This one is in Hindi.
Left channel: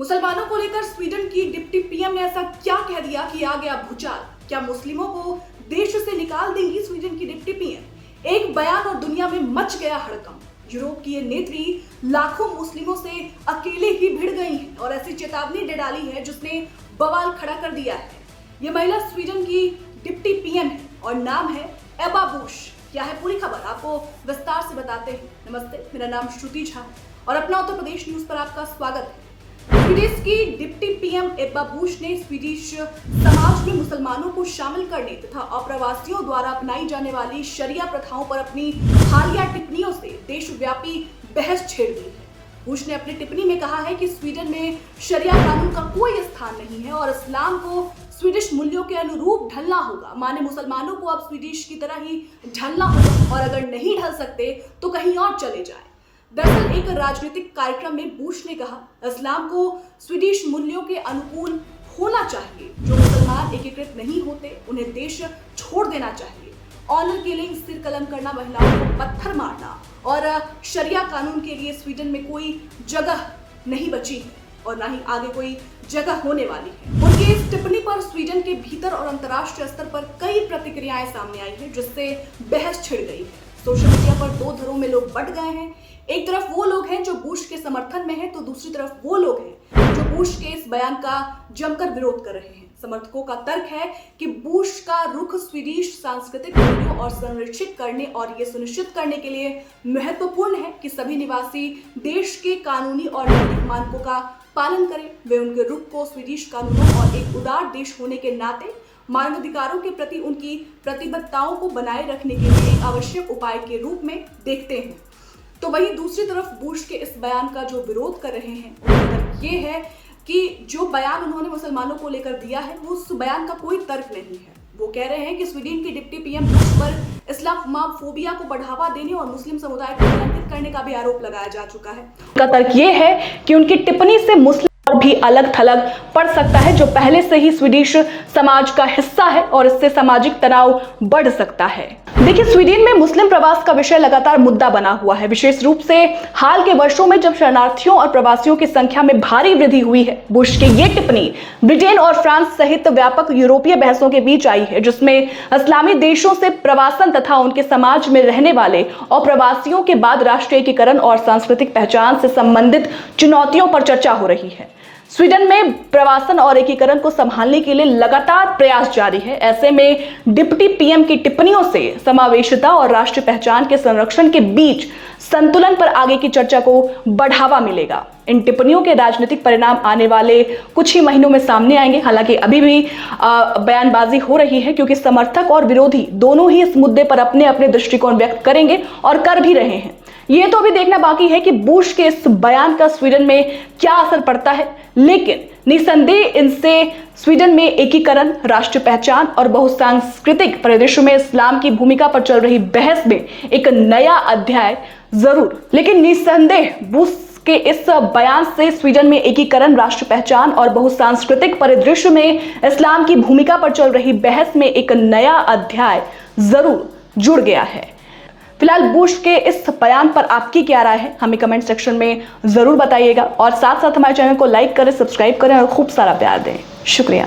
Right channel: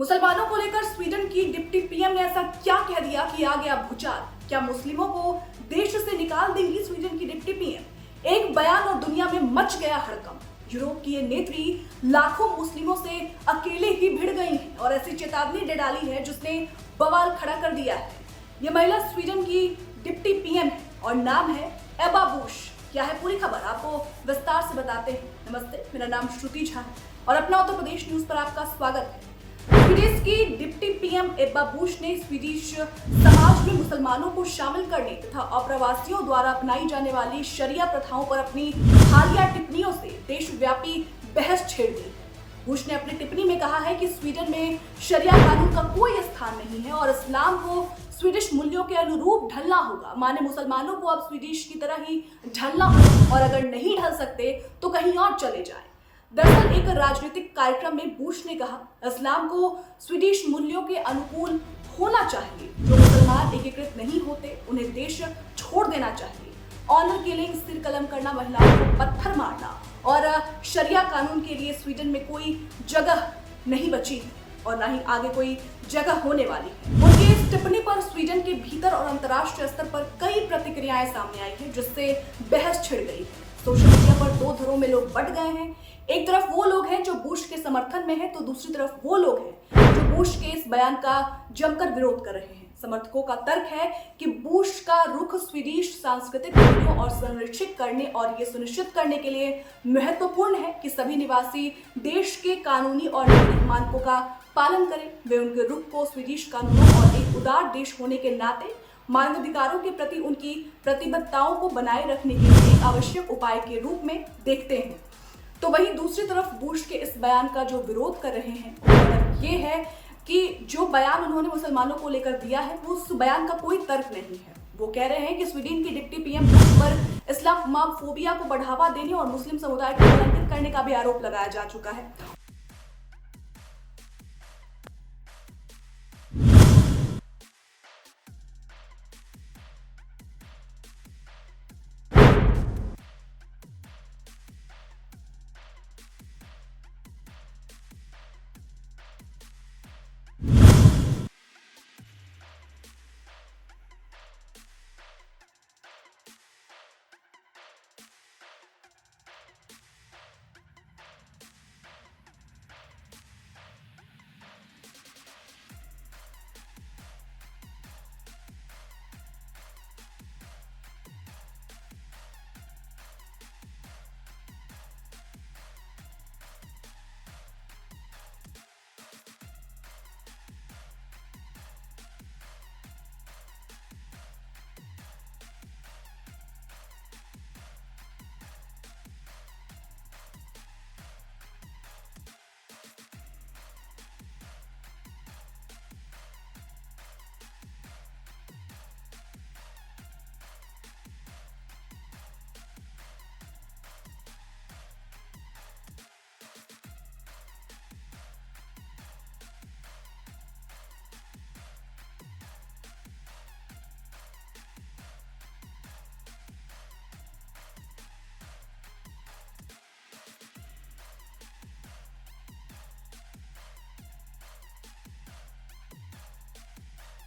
मुसलमानों को लेकर स्वीडन की डिप्टी पीएम ने ऐसा क्या कह दिया कि आ गया भूचाल। क्या मुस्लिमों को देश से निकाल देंगी स्वीडन की डिप्टी पीएम? एक बयान और दुनिया में मच गया हड़कंप। यूरोप की ये नेत्री लाखों मुस्लिमों से अकेले ही भिड़ गई हैं और ऐसी चेतावनी दे डाली है जिसने बवाल खड़ा कर दिया है। ये महिला स्वीडन की डिप्टी पीएम है और नाम है एबा बुश। क्या है पूरी खबर, आपको विस्तार से बताते हैं। नमस्ते, मेरा नाम श्रुति झा है और अपना उत्तर प्रदेश न्यूज पर आपका स्वागत है। स्वीडिश की डिप्टी पीएम एब्बा बुश ने स्वीडिश समाज में मुसलमानों को शामिल करने तथा अप्रवासियों द्वारा अपनाई जाने वाली शरिया प्रथाओं पर अपनी हालिया टिप्पणियों से देशव्यापी बहस छेड़ दी है। बुश ने अपनी टिप्पणी में कहा है कि स्वीडन में शरिया कानून का कोई स्थान नहीं है और इस्लाम को स्वीडिश मूल्यों के अनुरूप ढलना होगा। माने मुसलमानों को अब स्वीडिश की तरह ही ढलना होगा और अगर नहीं ढल सकते तो कहीं और चले जाएं। दरअसल एक राजनीतिक कार्यक्रम में बुश ने कहा, इस्लाम को स्वीडिश मूल्यों के अनुकूल होना चाहिए। जो मुसलमान एकीकृत नहीं होते उन्हें देश छोड़ देना चाहिए। ऑनर किलिंग, सिर कलम करना, महिलाओं को पत्थर मारना और शरिया कानून के लिए स्वीडन में कोई जगह नहीं बची है और ना ही आगे कोई जगह होने वाली है। उनकी इस टिप्पणी पर स्वीडन के भीतर और अंतर्राष्ट्रीय स्तर पर कई प्रतिक्रियाएं सामने आई हैं जिससे बहस छिड़ गई है। सोशल मीडिया पर दो धड़ों में लोग बंट गए हैं। एक तरफ वो लोग हैं जो बुश के समर्थन में हैं तो दूसरी तरफ वो लोग हैं जो बुश के इस बयान का जमकर विरोध कर रहे हैं। समर्थकों का तर्क है कि बुश का रुख स्वीडिश सांस्कृतिक मूल्यों और संरक्षित करने और ये सुनिश्चित करने के लिए महत्वपूर्ण है कि सभी निवासी देश के कानूनी और नैतिक मानकों का पालन करें। वे उनके रुख को स्वीडिश कानूनों और एक उदार देश होने के नाते मानवाधिकारों के प्रति उनकी प्रतिबद्धताओं को बनाए रखने के लिए एक आवश्यक उपाय के रूप में देखते हैं। तो वहीं दूसरी तरफ बुश के इस बयान का जो विरोध कर रहे हैं उनका ये है कि जो बयान उन्होंने मुसलमानों को लेकर दिया है वो उस बयान का कोई तर्क नहीं है। वो कह रहे हैं कि स्वीडन की डिप्टी पीएम बुश पर इस्लामोफोबिया को बढ़ावा देने और मुस्लिम समुदाय को कलंकित करने का भी आरोप लगाया जा चुका है। उनका तर्क ये है कि उनकी टिप्पणी से मुस्लिम और भी अलग थलग पड़ सकता है जो पहले से ही स्वीडिश समाज का हिस्सा है और इससे सामाजिक तनाव बढ़ सकता है। देखिए, स्वीडन में मुस्लिम प्रवास का विषय लगातार मुद्दा बना हुआ है, विशेष रूप से हाल के वर्षों में जब शरणार्थियों और प्रवासियों की संख्या में भारी वृद्धि हुई है। बुश की ये टिप्पणी ब्रिटेन और फ्रांस सहित व्यापक यूरोपीय बहसों के बीच आई है जिसमें इस्लामी देशों से प्रवासन तथा उनके समाज में रहने वाले और प्रवासियों के बाद राष्ट्रीय एकीकरण और सांस्कृतिक पहचान से संबंधित चुनौतियों पर चर्चा हो रही है। स्वीडन में प्रवासन और एकीकरण को संभालने के लिए लगातार प्रयास जारी है। ऐसे में डिप्टी पीएम की टिप्पणियों से समावेशिता और राष्ट्रीय पहचान के संरक्षण के बीच संतुलन पर आगे की चर्चा को बढ़ावा मिलेगा। इन टिप्पणियों के राजनीतिक परिणाम आने वाले कुछ ही महीनों में सामने आएंगे। हालांकि अभी भी बयानबाजी हो रही है क्योंकि समर्थक और विरोधी दोनों ही इस मुद्दे पर अपने अपने दृष्टिकोण व्यक्त करेंगे और कर भी रहे हैं। ये तो अभी देखना बाकी है कि बुश के इस बयान का स्वीडन में क्या असर पड़ता है, लेकिन निसंदेह इनसे स्वीडन में एकीकरण, राष्ट्रीय पहचान और बहुसांस्कृतिक परिदृश्य में इस्लाम की भूमिका पर चल रही बहस में एक नया अध्याय जरूर। लेकिन निसंदेह बुश के इस बयान से स्वीडन में एकीकरण, राष्ट्रीय पहचान और बहुसांस्कृतिक परिदृश्य में इस्लाम की भूमिका पर चल रही बहस में एक नया अध्याय जरूर जुड़ गया है। फिलहाल बुश के इस बयान पर आपकी क्या राय है, हमें कमेंट सेक्शन में जरूर बताइएगा और साथ साथ हमारे चैनल को लाइक करें, सब्सक्राइब करें और खूब सारा प्यार दें। शुक्रिया।